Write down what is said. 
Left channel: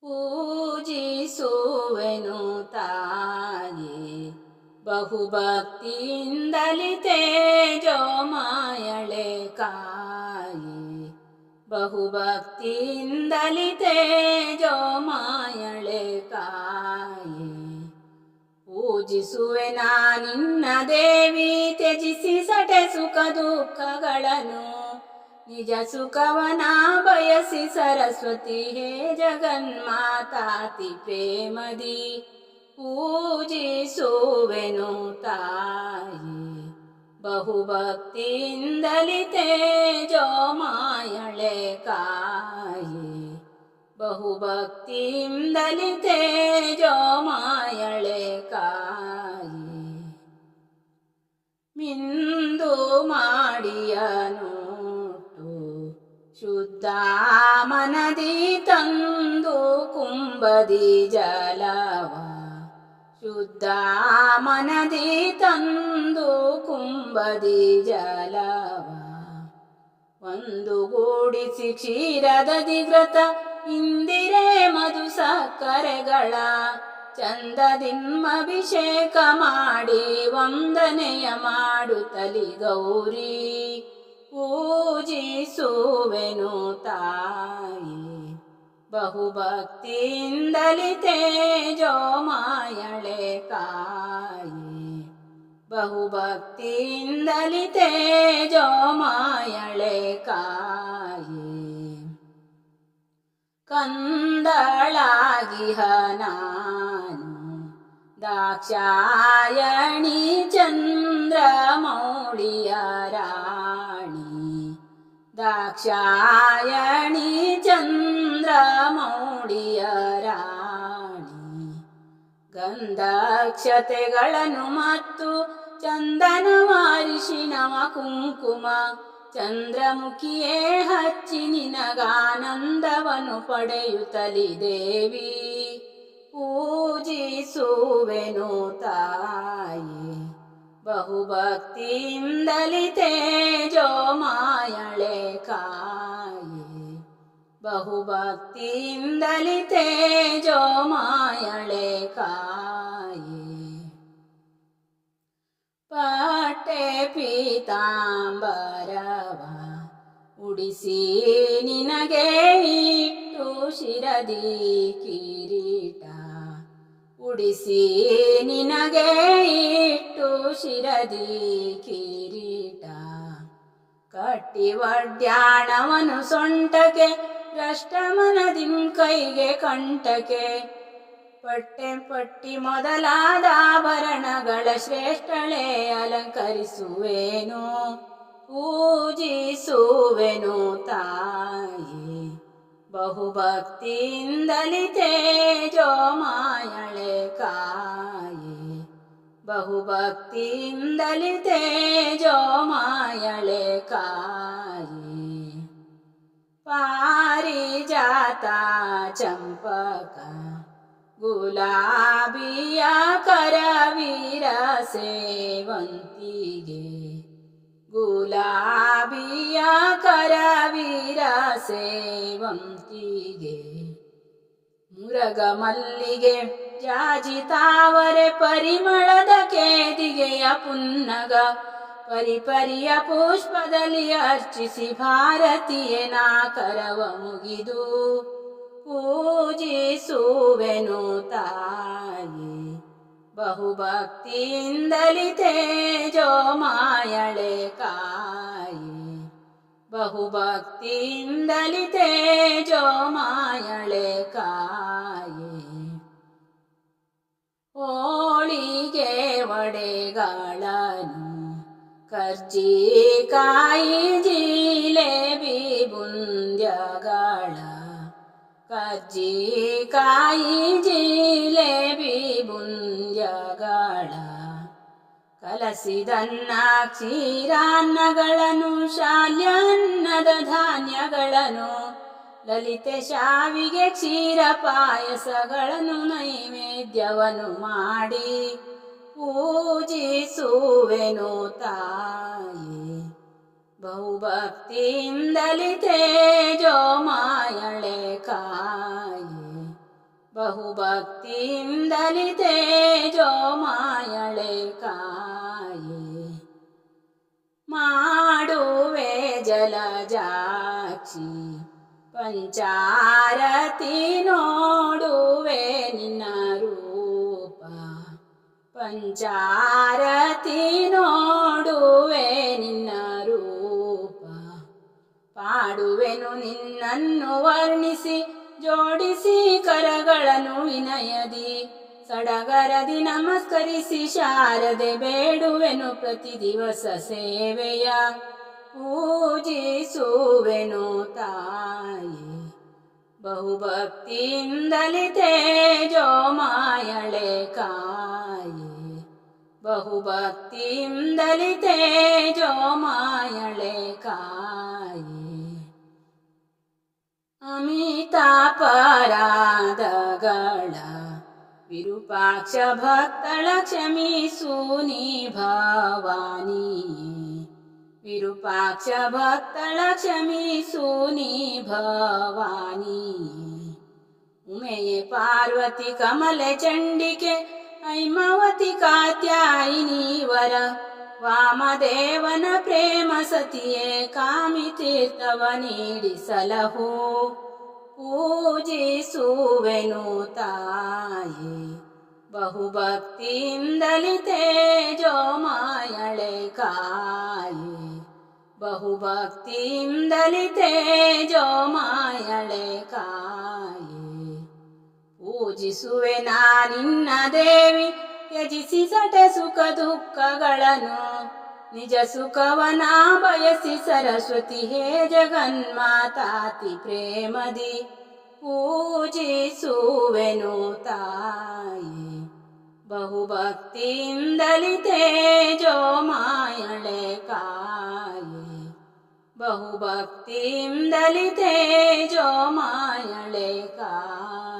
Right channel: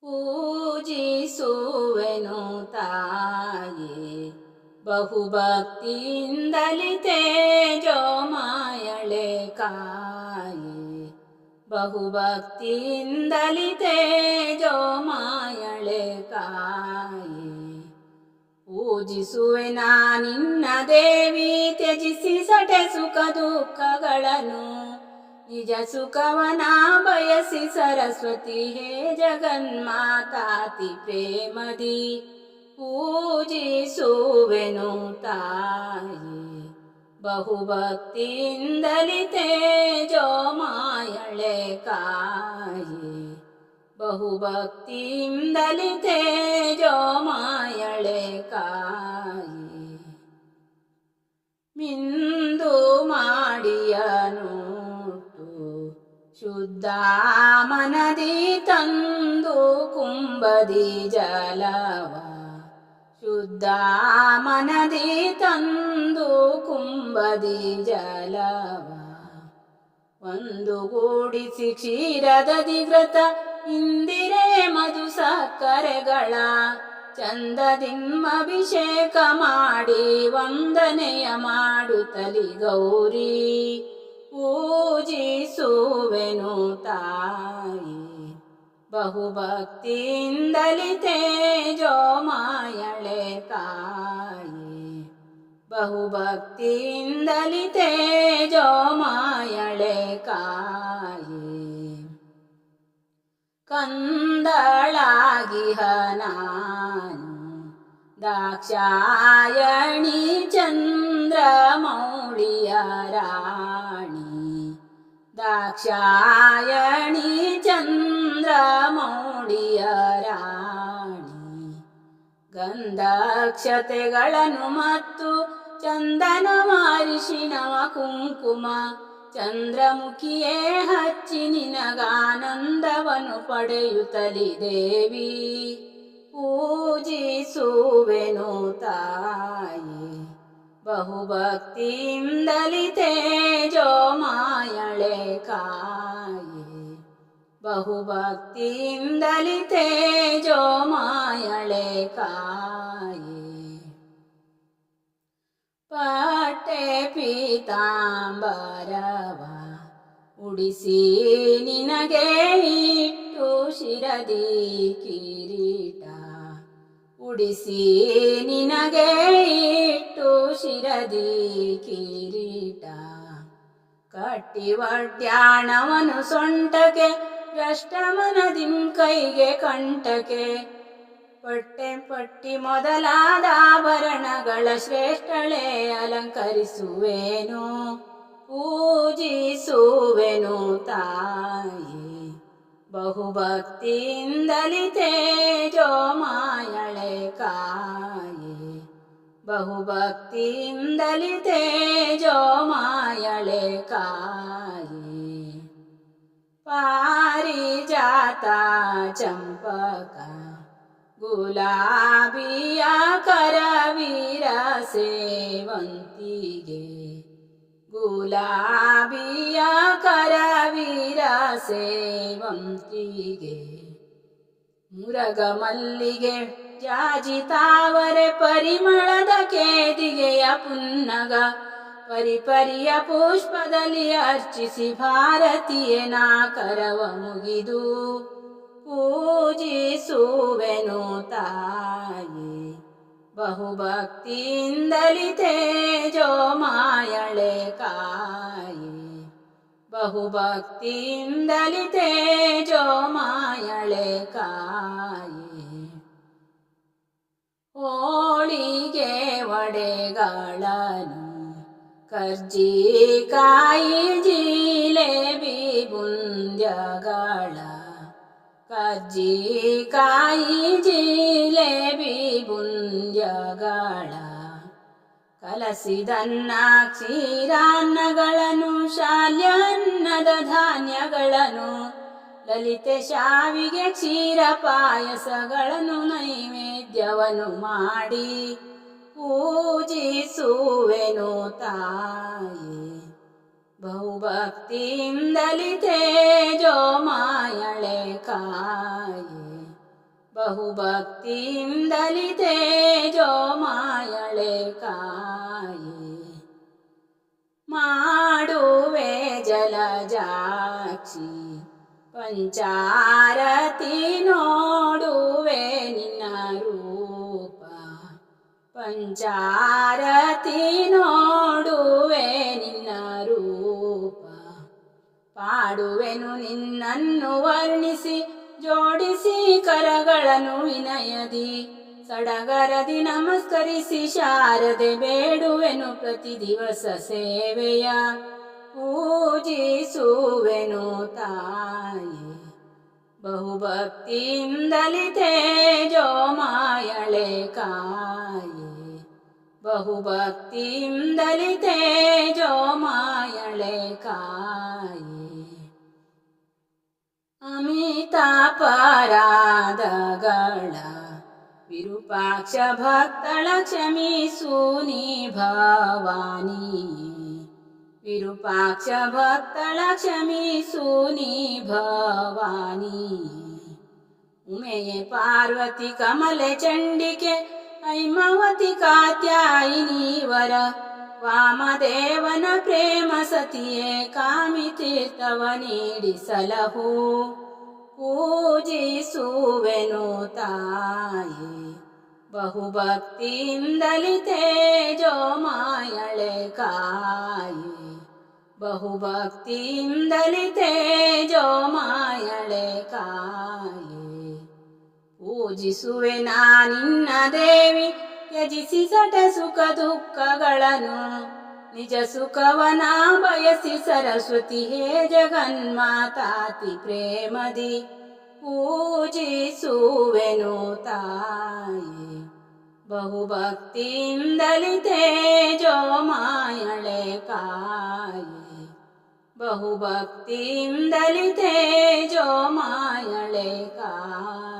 ಪೂಜಿಸುವೆನು ತಾಯಿ. ಬಹುಭಕ್ತಿಯಿಂದಲಿ ತೇಜೋ ಮಾಯಳೆ ಕಾಯಿ. ಬಹುಭಕ್ತಿಯಿಂದಲಿ ತೇಜೋ ಮಾಯಳೆ ಕಾಯಿ. ಪೂಜಿಸುವೆ ನಿನ್ನ ದೇವಿ, ತ್ಯಜಿಸಿ ಸಟೆ ಸುಖ ದುಃಖಗಳನ್ನು. ನಿಜ ಸುಖವನ ಬಯಸಿ ಸರಸ್ವತಿ ಹೇ ಜಗನ್ಮಾತಾತಿ ಪ್ರೇಮದಿ ಪೂಜಿಸುವೆನು ತಾಯಿ ಬಹುಭಕ್ತಿಯಿಂದಲಿ ತೇಜೋ ಮಾಯಳೆ ಕಾಯಿ ಬಹುಭಕ್ತಿಯಿಂದಲಿ ತೇಜೋ ಮಾಯಳೆ ಕಾಯಿ ಮಿಂದು ಮಾಡಿಯನುಟ್ಟು ಶುದ್ಧ ಮನದಿ ತಂದು ಕುಂಬದಿ ಜಲವ. ಶುದ್ಧ ಮನದಿ ತಂದು ಕುಂಬದಿ ಜಲವ. ಒಂದು ಗೂಡಿಸಿ ಕ್ಷೀರದ ದಿಗ್ರತ ಇಂದಿರೇ ಮಧು ಸಕ್ಕರೆಗಳ. ಚಂದದಿಮ್ಮಭಿಷೇಕ ಮಾಡಿ, ವಂದನೆಯ ಮಾಡುತ್ತಲಿ ಗೌರಿ. ಪೂಜಿಸುವೆನು ತಾಯಿ. ಬಹುಭಕ್ತಿಯಿಂದಲಿ ತೇಜೋ ಕಾಯಿ ಬಹುಭಕ್ತಿಯಿಂದಲಿ ತೇಜೋ ಕಾಯಿ ಕಂದಳಾಗಿಹ ನಾನು. ದಾಕ್ಷಾಯಣಿ ಚಂದ್ರ ಮೌಳಿಯ ರಾಣಿ ದಾಕ್ಷಾಯಣಿ ಚಂದ್ರ ಮೌಳಿಯ ರಾಣಿ. ಗಂಧಾಕ್ಷತೆಗಳನ್ನು ಮತ್ತು ಚಂದನ ಮಾರಿಷಿಣವ ಕುಂಕುಮ. ಚಂದ್ರಮುಖಿಯೇ ಹಚ್ಚಿ ನಿನಗಾನಂದವನು ಪಡೆಯುತ್ತಲಿ ದೇವಿ. ಬಹುಭಕ್ತಿಯಿಂದಲಿ ಜೋ ಮಾಯಳೆ ಕಾಯಿ. ಬಹುಭಕ್ತಿಯಿಂದಲಿತೆ ಜೋ ಮಾಯಳೆ ಕಾಯಿ. ಪಟ್ಟೆ ಪೀತಾಂಬರವ, ಉಡಿಸಿ ನಿನಗೆ ಇಟ್ಟು ಶಿರದಿ ಕಿರೀಟ ಉಡಿಸಿ ನಿನಗೆ ಇಟ್ಟು ಶಿರದಿ ಕಿರೀಟ. ಕಟ್ಟಿ ಒಡ್ಯಾಣವನು ಸೊಂಟಕ್ಕೆ ರಷ್ಟಮನದಿಂ ಕೈಗೆ ಕಂಟಕೆ ಪಟ್ಟೆ ಪಟ್ಟಿ ಮೊದಲಾದ ಆಭರಣಗಳ ಶ್ರೇಷ್ಠಳೆ ಅಲಂಕರಿಸುವೆನು, ಪೂಜಿಸುವೆನು ತಾಯಿ. ಬಹುಭಕ್ತಿಯಿಂದಲಿ ತೇಜೋ ಮಾಯಳೆ ಕಾಯಿ. ಬಹುಭಕ್ತಿಯಿಂದಲಿ ತೇಜೋ ಮಾಯಳೆ ಕಾಯಿ. ಪಾರಿಜಾತ ಚಂಪಕ, ಗುಲಾಬಿಯ ಕರವೀರ ಸೇವಂತಿಗೆ. ಗುಲಾಬಿಯ ಕರವೀರ ಸೇವಂತಿಗೆ ಮುರಗ ಮಲ್ಲಿಗೆ ಜಾಜಿ ತಾವರೆ ಪರಿಮಳದ ಕೇದಿಗೆಯ ಪುನ್ನಗ. ಪರಿಪರಿಯ ಪುಷ್ಪದಲ್ಲಿ ಅರ್ಚಿಸಿ ಭಾರತೀಯ ನಾಕರವ ಮುಗಿದು. ಪೂಜಿಸುವೆನು ತಾಯಿ. ಬಹುಭಕ್ತಿಯಿಂದಲಿ ತೇಜೋ ಮಾಯಳೆ ಕಾಯಿ ಬಹುಭಕ್ತಿಯಿಂದಲಿ ಜೋ ಮಾಯಳೆ ಕಾಯಿ. ಹೋಳಿಗೆ ಒಡೆಗಳನು ಕರ್ಜಿಕಾಯಿ ಜಿಲೇಬಿ ಬುಂದ್ಯಗಳ ಕರ್ಜಿ ಕಾಯಿ ಜಿಲೇಬಿ ಬುಂದ್ಯಗಳ ಕಲಸಿದನ್ನ ಕ್ಷೀರಾನ್ನಗಳನ್ನು ಶಾಲ್ಯಾನ್ನದ ಧಾನ್ಯಗಳನ್ನು, ಲಲಿತೆ ಶಾವಿಗೆ ಕ್ಷೀರ ಪಾಯಸಗಳನ್ನು ನೈವೇದ್ಯವನ್ನು ಮಾಡಿ ಪೂಜಿಸುವೆನು ತಾಯಿ. ಬಹುಭಕ್ತಿಯಿಂದಲಿತೆ ಜೋ ಮಾಯಳೆ ಕಾಯಿ. ಬಹುಭಕ್ತಿಯಿಂದಲಿತೇ ಜೋಮಾಯಳೆ ಮಾಯಳೆ ಕಾಯೆ. ಮಾಡುವೆ ಜಲಜಾಕ್ಷಿ. ಪಂಚಾರತಿ ನೋಡುವೆ ನಿನ್ನ ರೂಪ. ಪಂಚಾರತಿ ನೋಡುವೆ ನಿನ್ನ ರೂಪ. ಪಾಡುವೆನು ನಿನ್ನನ್ನು ವರ್ಣಿಸಿ, ಜೋಡಿಸಿ ಕರಗಳನ್ನು ವಿನಯದಿ. ಸಡಗರದಿ ನಮಸ್ಕರಿಸಿ ಶಾರದೆ ಬೇಡುವೆನು ಪ್ರತಿ ದಿವಸ ಸೇವೆಯ. ಪೂಜಿಸುವೆನು ತಾಯಿ. ಬಹುಭಕ್ತಿಯಿಂದಲಿ ತೇಜೋ ಮಾಯಳೆ ಕಾಯೆ. ಬಹುಭಕ್ತಿಯಿಂದಲಿ ತೇಜೋ ಮಾಯಳೆ ಕಾಯಿ. ಅಮಿತಾಪರಾಧಗಳ ವಿರೂಪಾಕ್ಷ ಭಕ್ತಳ ಕ್ಷಮಿಸು ನೀ ಭವಾನಿ ವಿರೂಪಾಕ್ಷ ಭಕ್ತಳ ಕ್ಷಮಿಸು ನೀ ಭವಾನಿ ಉಮೆಯೇ ಪಾರ್ವತಿ ಕಮಲೆ ಚಂಡಿಕೆ ಐಮಾವತಿ ಕಾತ್ಯಾಯಿನಿ ವರ ವಾಮದೇವನ ಪ್ರೇಮ ಸತಿಯೇ ಕಾಮಿ ತೀರ್ಥವ ನೀಡಿಸಲಹು ಪೂಜಿಸುವೆನು ತಾಯಿ ಬಹುಭಕ್ತಿಯಿಂದಲಿ ತೇಜೋ ಮಾಯಳೆ ಕಾಯಿ ಬಹುಭಕ್ತಿಯಿಂದಲಿತೇಜೋಮಾಯಳೆ ಕಾಯಿ. ಪೂಜಿಸುವೆ ನಾನಿನ್ನ ದೇವಿ, ತ್ಯಜಿಸಿ ಸಟೆ ಸುಖ ದುಃಖಗಳನ್ನು. ನಿಜ ಸುಖವನ ಬಯಸಿ ಸರಸ್ವತಿ, ಹೇ ಜಗನ್ಮಾತಾತಿ ಪ್ರೇಮದಿ. ಪೂಜಿಸುವೆನು ತಾಯಿ. बहुभक्तिं दलिते जोो मायले कयेेे। बहुभक्तिन्दलिते जोो मायळे का